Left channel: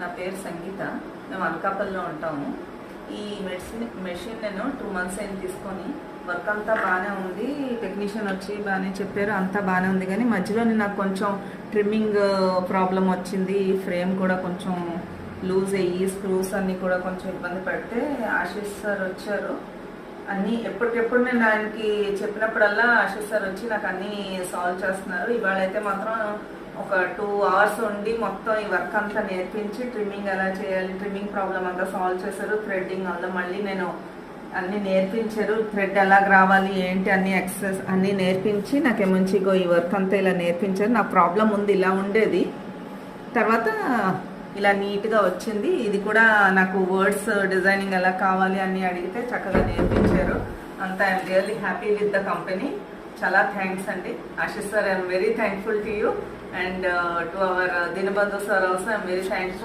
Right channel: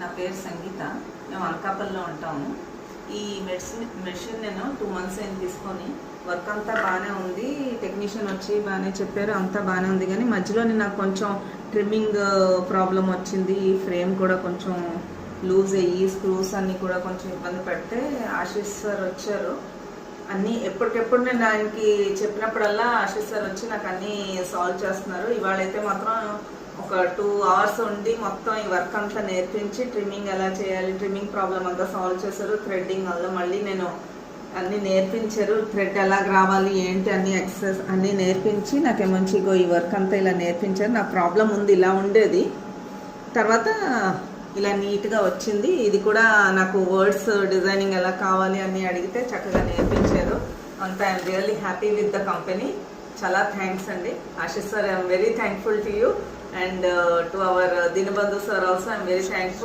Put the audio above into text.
నా పేరు సంగీత. మేము అనకాపల్లిలో ఉంటాము. ఈ మెషిన్ నేను 2 months అయింది తీసుకొని. వర్క్ అంతా బాగానే ఉంది, టెక్నీషియన్ వచ్చి బాగానే చెప్పారు, అంతా బాగానే ఉంది. కానీ మధ్యలో నాకు కొంచెం ట్రిమ్మింగ్ ప్రాబ్లం వచ్చింది. ఫ్రేమ్ కూడా కొంచెం లూజ్ అయ్యి స్క్రూస్ అన్నీ కూడా కొంచెం ఇబ్బంది పెడితే ఆశీష్ సార్ వచ్చారు. అన్నీ ఎప్పటికెప్పుడు నేను ఆయనకి చెప్పినప్పుడల్లా ఆశీష్ సార్ వచ్చి నాకు అన్నీ సాల్వ్ చేస్తున్నారు. ఇవాళైతే మాత్రం ఒక 2 hours ఉండి మొత్తం ఈ వర్క్ అంతా నేర్పించి ట్రిమ్మింగ్ ఎలా చేయాలి, ట్రిమ్మింగ్ ప్రాబ్లం అంతా సాల్వ్ చేశారు. థ్రెడ్డింగ్ వల్ల మళ్ళీ నేను అన్నీ నేర్పించారు. థ్రెడ్ ఎలా రావాలి ఏంటి అన్ని ఎక్సర్సైజ్ అన్నీ నేర్పించి నాకు మంచిగా ఈ వర్క్ అంతా ఇలా నేర్పించారు. నా ప్రాబ్లం ఉంది, ఇలా ఉండేది, తర్వాత ఇలా నీట్గా వచ్చింది. ఇది కూడా నాకు వర్డ్స్ డిజైనింగ్ ఎలా కావాలి అని అడిగితే చక్కగా నేర్పించారు. అంతా I'm really happy with the company. చాలా థ్యాంక్స్ అండి Ashish sir. I'm very thankful to you and to our Dinabandhu sir also I'm very thankful.